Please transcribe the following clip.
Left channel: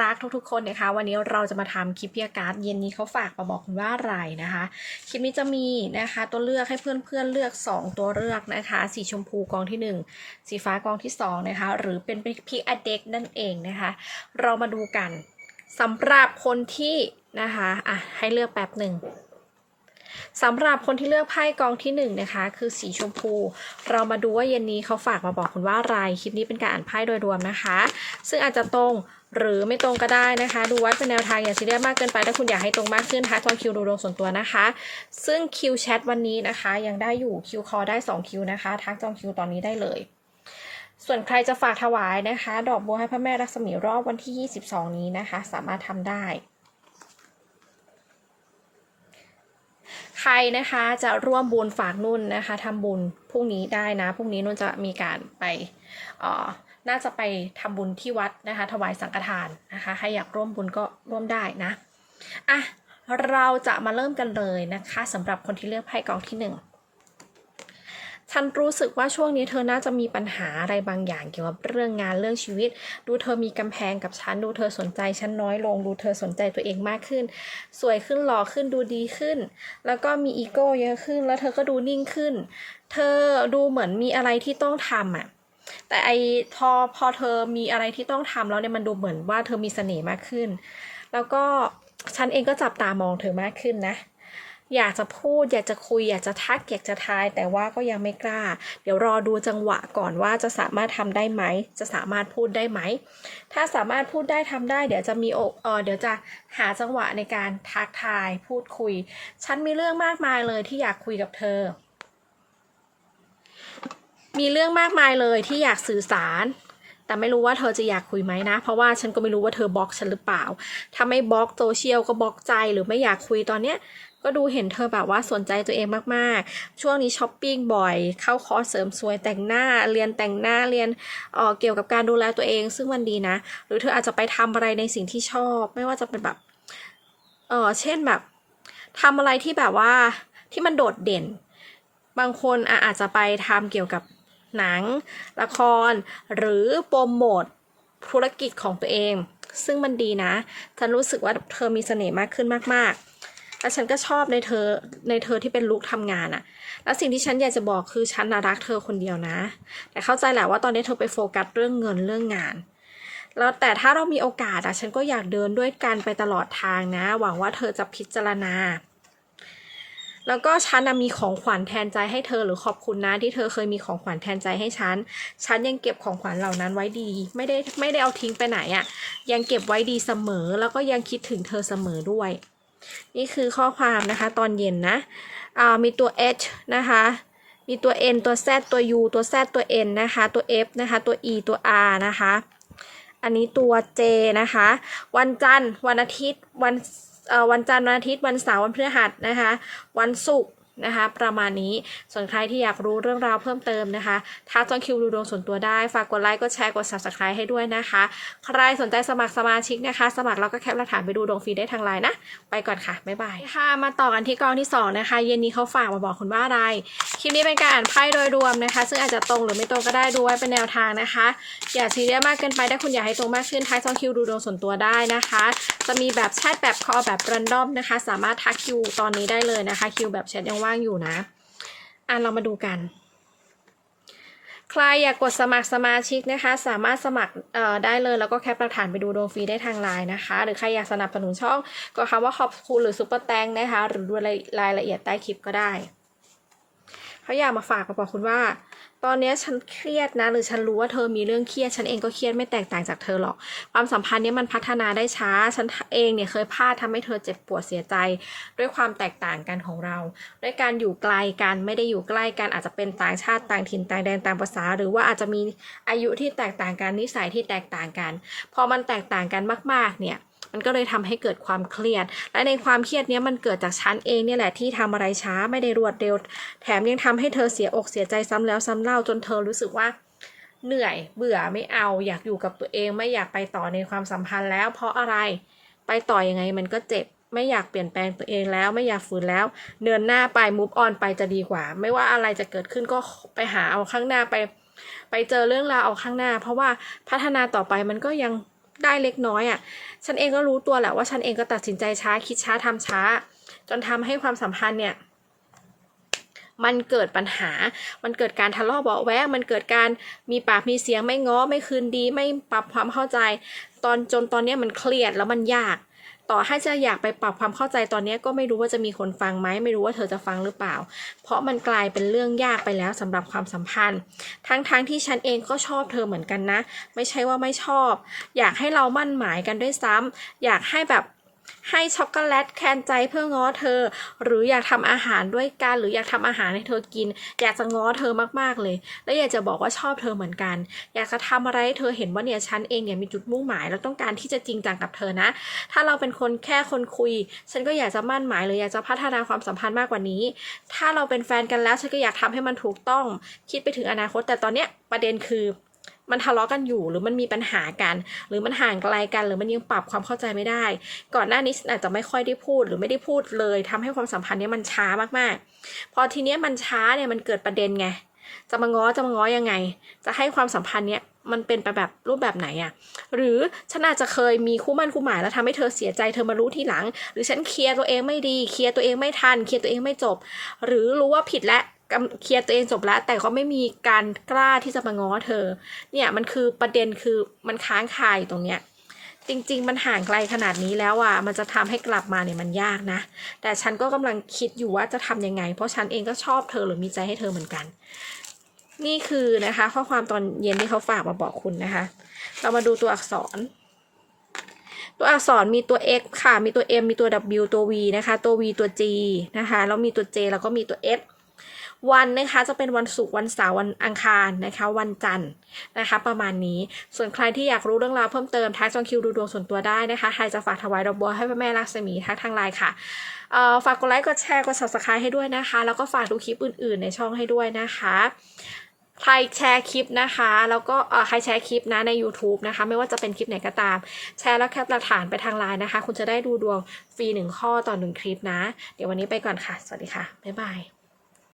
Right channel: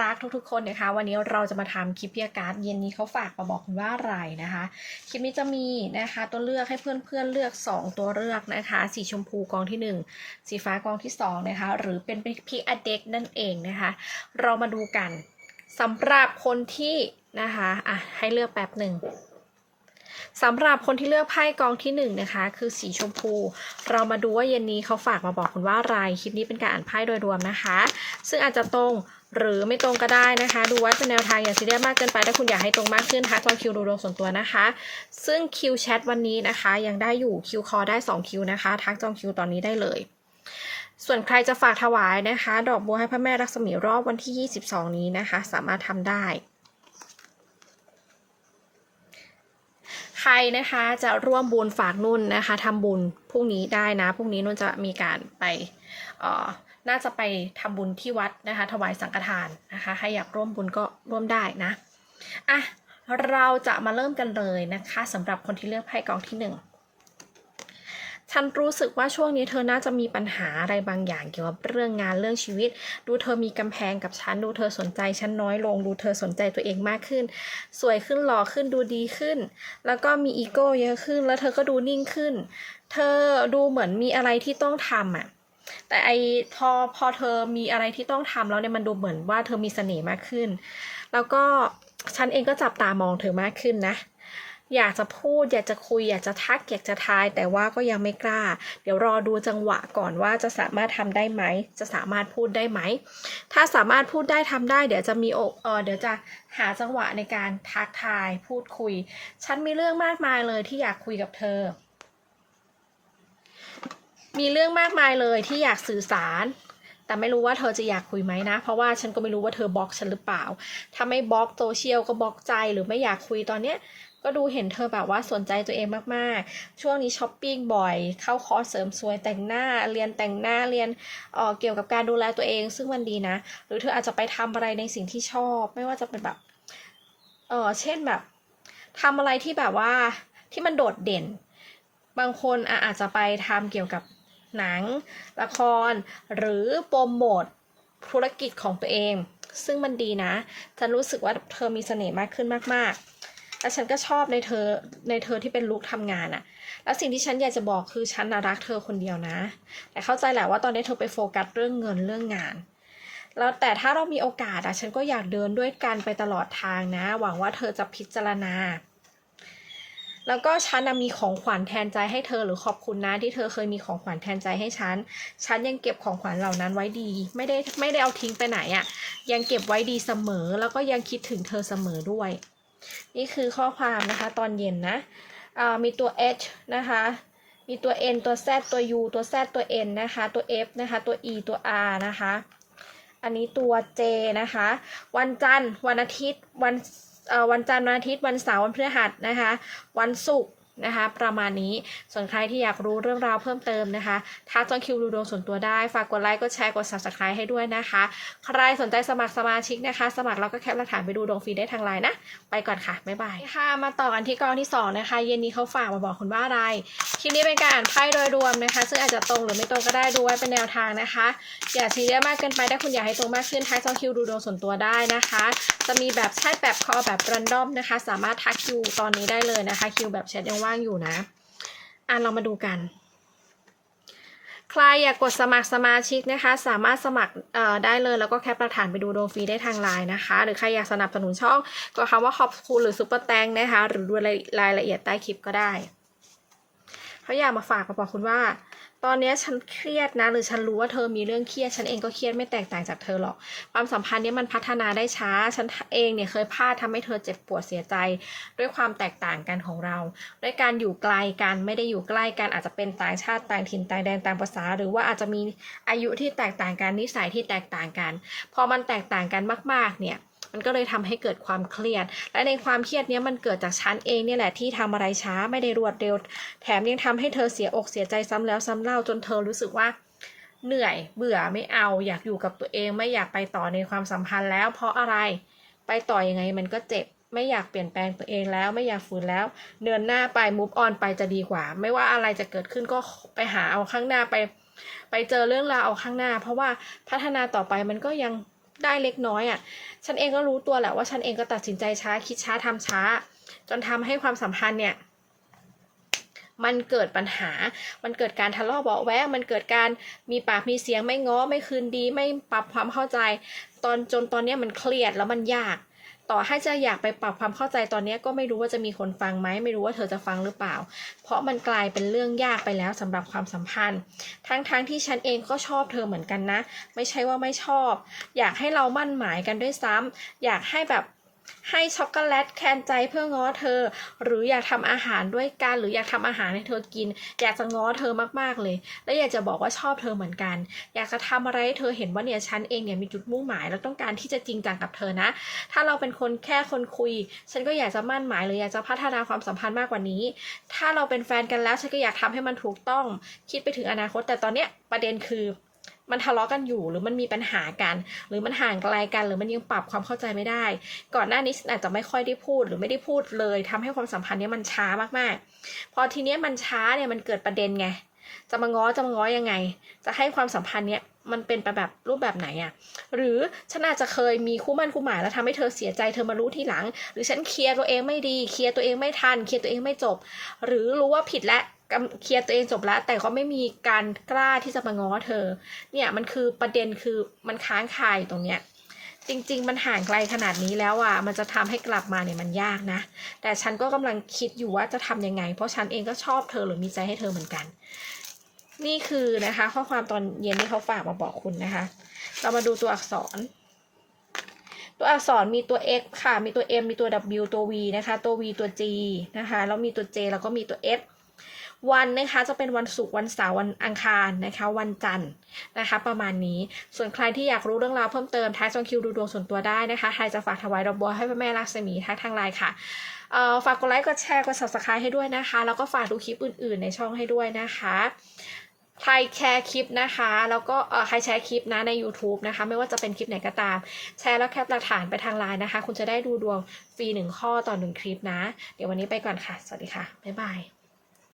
รักทุกๆ คนนะคะ วันนี้เราจะมาทำคลิปพิยการ์ดเย็นนี้เขาฝากมาบอกคุณว่าอะไรนะคะ คลิปนี้จะมีนะคะตัวเลือกให้เพื่อนๆเลือก 2 ตัวเลือกนะคะ สีชมพูกองที่ 1 สีฟ้ากองที่2นะคะหรือเป็นพิอเด็กนั่นเองนะคะ เรามาดูกันสำหรับคนที่นะคะอะให้เลือกแป๊บหนึ่งสำหรับคนที่เลือกไพ่กองที่หนึ่งนะคะ คือสีชมพู เรามาดูว่าเย็นนี้เขาฝากมาบอกคุณว่าอะไรคลิปนี้เป็นการอ่านไพ่โดยรวมนะคะ ซึ่งอาจจะตรง หรือไม่ตรงก็ได้นะคะ ดูไว้เป็นแนวทางอย่าซีเรียสมากเกินไปถ้าคุณอยากให้ตรงมากขึ้นทักจองคิวดูดวงส่วนตัวนะคะ ซึ่งคิวแชทวันนี้นะคะ ยังได้อยู่คิวคอได้2คิวนะคะ ทักจองคิวตอนนี้ได้เลย ส่วนใครจะฝากถวายนะคะ ดอกบัวให้พระแม่รักษมีรอบวันที่ 22 นี้นะคะ สามารถทำได้ใครนะคะจะร่วมบุญฝากนุ่นนะคะทำบุญพรุ่งนี้ได้นะพรุ่งนี้นุ่นจะมีการไปออ น่าจะไปทำบุญที่วัดนะคะ ถวายสังฆทานนะคะใครอยากร่วมบุญก็ร่วมได้นะอะเราจะมาเริ่มกันเลยนะคะสำหรับคนที่เลือกไพ่กองที่หนึ่งฉันรู้สึกว่าช่วงนี้เธอน่าจะมีปัญหาอะไรบางอย่างเกี่ยวกับเรื่องงานเรื่องชีวิต ดูเธอมีกำแพงกับฉัน ดูเธอสนใจฉันน้อยลง ดูเธอสนใจตัวเองมากขึ้น สวยขึ้นหล่อขึ้นดูดีขึ้น แล้วก็มีอีโก้เยอะขึ้น แล้วเธอก็ดูนิ่งขึ้น เธอดูเหมือนมีอะไรที่ต้องทำอะ แต่ไอพอพอเธอมีอะไรที่ต้องทำแล้วเนี่ยมันดูเหมือนว่าเธอมีเสน่ห์มากขึ้น แล้วก็ฉันเองก็จับตามองเธอมากขึ้นนะ อยากจะพูด อยากจะคุย อยากจะทักอยากจะทาย แต่ว่าก็ยังไม่กล้า เดี๋ยวรอดูจังหวะก่อนว่าจะสามารถทำได้ไหม จะสามารถพูดได้ไหม ถ้าสามารถพูดได้ทำได้ เดี๋ยวจะมีโอกเออเดี๋ยวจะหาจังหวะในการทักทาย พูดคุย ฉันมีเรื่องมากมายเลยที่อยากคุยกับเธอ มีเรื่องมากมายเลยที่อยากสื่อสาร แต่ไม่รู้ว่าเธอจะอยากคุยไหมนะ เพราะว่าฉันก็ไม่รู้ว่าเธอบล็อกฉันหรือเปล่า ถ้าไม่บล็อกโซเชียลก็บล็อกใจหรือไม่อยากคุยตอนเนี้ยก็ดูเห็นเธอแบบว่าสนใจตัวเองมากๆ ช่วงนี้ช้อปปิ้งบ่อย เข้าคอร์สเสริมสวยแต่งหน้า เรียนแต่งหน้า เรียนเอ่อเกี่ยวกับการดูแลตัวเอง ซึ่งมันดีนะ หรือเธออาจจะไปทำอะไรในสิ่งที่ชอบ ไม่ว่าจะเป็นแบบ เออเช่นแบบทำอะไรที่แบบว่าที่มันโดดเด่น บางคนอะอาจจะไปทำเกี่ยวกับ หนัง ละคร หรือโปรโมทธุรกิจของตัวเอง ซึ่งมันดีนะฉันรู้สึกว่าเธอมีเสน่ห์มากขึ้นมากๆ และฉันก็ชอบในเธอในเธอที่เป็นลูกทำงานอะแล้วสิ่งที่ฉันอยากจะบอกคือฉันนรักเธอคนเดียวนะ แต่เข้าใจแหละว่าตอนนี้เธอไปโฟกัสเรื่องเงินเรื่องงานแล้วแต่ถ้าเรามีโอกาสอะฉันก็อยากเดินด้วยกันไปตลอดทางนะ หวังว่าเธอจะพิจารณา แล้วก็ฉันมีของขวัญแทนใจให้เธอหรือขอบคุณนะที่เธอเคยมีของขวัญแทนใจให้ฉัน ฉันยังเก็บของขวัญเหล่านั้นไว้ดี ไม่ได้ไม่ได้เอาทิ้งไปไหนอะ่ะ ยังเก็บไว้ดีเสมอ แล้วก็ยังคิดถึงเธอเสมอด้วย นี่คือข้อความนะคะ ตอนเย็นนะอ่ามีตัว H นะคะ มีตัว N ตัว Z ตัว U ตัว Z ตัว N นะคะ ตัว F นะคะ ตัว E ตัว R นะคะ อันนี้ตัว J นะคะ วันจันทร์ วันอาทิตย์ วัน วันจันทร์วันอาทิตย์วันเสาร์วันพฤหัสนะคะ วันศุกร์ นะคะ ประมาณนี้ส่วนใครที่อยากรู้เรื่องราวเพิ่มเติมนะคะทักจองคิวดูดวงส่วนตัวได้ ฝากกดไลค์กดแชร์กด subscribe ให้ด้วยนะคะ ใครสนใจสมัครสมาชิกนะคะ สมัครแล้วก็แคปหลักฐานไปดูดวงฟรีได้ทางไลน์นะ ไปก่อนค่ะ บ๊ายบายค่ะ มาต่อกันที่กองที่ 2 นะคะ เย็นนี้เขาฝากมาบอกคุณว่าอะไร คลิปนี้เป็นการอ่านไพ่โดยรวมนะคะ ซึ่งอาจจะตรงหรือไม่ตรงก็ได้ดูไว้เป็นแนวทางนะคะ อย่าซีเรียสมากเกินไปถ้าคุณอยากให้ตรงมากขึ้นทักจองคิวดูดวงส่วนตัวได้นะคะ จะมีแบบแชทแบบคอแบบรันดอมนะคะ สามารถทักคิวตอนนี้ได้เลยนะคะคิวแบบแชทยังว่างอยู่นะ อะเรามาดูกัน ใครอยากกดสมัครสมาชิกนะคะ สามารถสมัครได้เลยแล้วก็แคปหลักฐานไปดูดวงฟรีได้ทางไลน์นะคะ หรือใครอยากสนับสนุนช่องก็คำว่าขอบคุณหรือซุปเปอร์แตงนะคะ หรือดูรายรายละเอียดใต้คลิปก็ได้เขาอยากมาฝากมาบอกคุณว่า ตอนนี้ฉันเครียดนะ หรือฉันรู้ว่าเธอมีเรื่องเครียด ฉันเองก็เครียดไม่แตกต่างจากเธอหรอก ความสัมพันธ์นี้มันพัฒนาได้ช้า ฉันเองเนี่ยเคยพลาดทำให้เธอเจ็บปวดเสียใจ ด้วยความแตกต่างกันของเรา ด้วยการอยู่ไกลกันไม่ได้อยู่ใกล้กันอาจจะเป็นต่างชาติต่างถิ่นต่างแดนต่างภาษา หรือว่าอาจจะมีอายุที่แตกต่างกันนิสัยที่แตกต่างกัน พอมันแตกต่างกันมาก ๆ เนี่ย มันก็เลยทำให้เกิดความเครียด และในความเครียดนี้มันเกิดจากฉันเองเนี่ยแหละที่ทำอะไรช้าไม่ได้รวดเร็ว แถมยังทำให้เธอเสียอกเสียใจซ้ำแล้วซ้ำเล่าจนเธอรู้สึกว่าเหนื่อยเบื่อไม่เอา อยากอยู่กับตัวเองไม่อยากไปต่อในความสัมพันธ์แล้ว เพราะอะไรไปต่อยังไงมันก็เจ็บไม่อยากเปลี่ยนแปลงตัวเองแล้วไม่อยากฝืนแล้ว เดินหน้าไป move on ไปจะดีกว่า ไม่ว่าอะไรจะเกิดขึ้นก็ไปหาเอาข้างหน้าไป ไปเจอเรื่องราวเอาข้างหน้า เพราะว่าพัฒนาต่อไปมันก็ยัง ได้เล็กน้อยอะ่ะ ฉันเองก็รู้ตัวแหละว่าฉันเองก็ตัดสินใจช้าคิดช้าทำช้า จนทำให้ความสัมพันธ์เนี่ย มันเกิดปัญหา มันเกิดการทะเลาะเบาะแวงมันเกิดการมีปากมีเสียงไม่ง้อไม่คืนดี ไม่ปรับความเข้าใจ ตอนจนตอนนี้มันเครียดแล้วมันยาก ต่อให้จะอยากไปปรับความเข้าใจตอนนี้ก็ไม่รู้ว่าจะมีคนฟังไหมไม่รู้ว่าเธอจะฟังหรือเปล่า เพราะมันกลายเป็นเรื่องยากไปแล้วสำหรับความสัมพันธ์ ทั้งๆทที่ฉันเองก็ชอบเธอเหมือนกันนะ ไม่ใช่ว่าไม่ชอบ อยากให้เรามั่นหมายกันด้วยซ้ำอยากให้แบบ ให้ช็อกโกแลตแคนใจเพื่อง้อเธอ หรืออยากทำอาหารด้วยกัน หรืออยากทำอาหารให้เธอกิน อยากจะง้อเธอมากๆเลย และอยากจะบอกว่าชอบเธอเหมือนกัน อยากจะทำอะไรให้เธอเห็นว่าเนี่ยฉันเองเนี่ยมีจุดมุ่งหมาย แล้วต้องการที่จะจริงจังกับเธอนะ ถ้าเราเป็นคนแค่คนคุย ฉันก็อยากจะมั่นหมายหรืออยากจะพัฒนาความสัมพันธ์มากกว่านี้ ถ้าเราเป็นแฟนกันแล้วฉันก็อยากทำให้มันถูกต้อง คิดไปถึงอนาคต แต่ตอนเนี้ยประเด็นคือ มันทะเลาะกันอยู่หรือมันมีปัญหากัน หรือมันห่างไกลกัน หรือมันยังปรับความเข้าใจไม่ได้ ก่อนหน้านี้ฉันอาจจะไม่ค่อยได้พูดหรือไม่ได้พูดเลยทำให้ความสัมพันธ์เนี้ยมันช้ามากๆ พอทีเนี้ยมันช้าเนี่ยมันเกิดประเด็นไงจะมาง้อจะมาง้อยังไง จะให้ความสัมพันธ์เนี้ยมันเป็นไปแบบรูปแบบไหนอะหรือฉันอาจจะเคยมีคู่มั่นคู่หมายแล้วทำให้เธอเสียใจเธอมารู้ทีหลัง หรือฉันเคลียร์ตัวเองไม่ดี เคลียร์ตัวเองไม่ทัน เคลียร์ตัวเองไม่จบ หรือรู้ว่าผิดและ เคลียร์ตัวเองจบแล้ว แต่ก็ไม่มีการกล้าที่จะมาง้อเธอ เนี่ยมันคือประเด็นคือมันค้างคาอยู่ตรงเนี้ยจริง ๆ มันห่างไกลขนาดนี้แล้วอะ มันจะทำให้กลับมาเนี่ยมันยากนะ แต่ฉันก็กำลังคิดอยู่ว่าจะทำยังไง เพราะฉันเองก็ชอบเธอหรือมีใจให้เธอเหมือนกัน นี่คือนะคะ ข้อความตอนเย็นที่เขาฝากมาบอกคุณนะคะ เรามาดูตัวอักษร ตัวอักษรมีตัว x ค่ะ มีตัว m มีตัว w ตัว v นะคะ ตัว v ตัว g นะคะ แล้วมีตัว j แล้วก็มีตัว f วันนะคะจะเป็นวันศุกร์วันเสาร์วันอังคารนะคะ วันจันทร์นะคะ ประมาณนี้ส่วนใครที่อยากรู้เรื่องราวเพิ่มเติมทักจองคิวดูดวงส่วนตัวได้นะคะใครจะฝากถวายดอกบัวให้พระแม่ลักษมีทักทางไลน์ค่ะเอ่อฝากกดไลค์กดแชร์กด subscribe ให้ด้วยนะคะ แล้วก็ฝากดูคลิปอื่น ๆ ในช่องให้ด้วยนะคะใครแชร์คลิปนะคะ แล้วก็ใครแชร์คลิปนะใน YouTube นะคะ ไม่ว่าจะเป็นคลิปไหนก็ตาม แชร์แล้วแคปหลักฐานไปทางไลน์นะคะ คุณจะได้ดูดวงฟรีหนึ่งข้อต่อหนึ่งคลิปนะ เดี๋ยววันนี้ไปก่อนค่ะ สวัสดีค่ะ บ๊ายบาย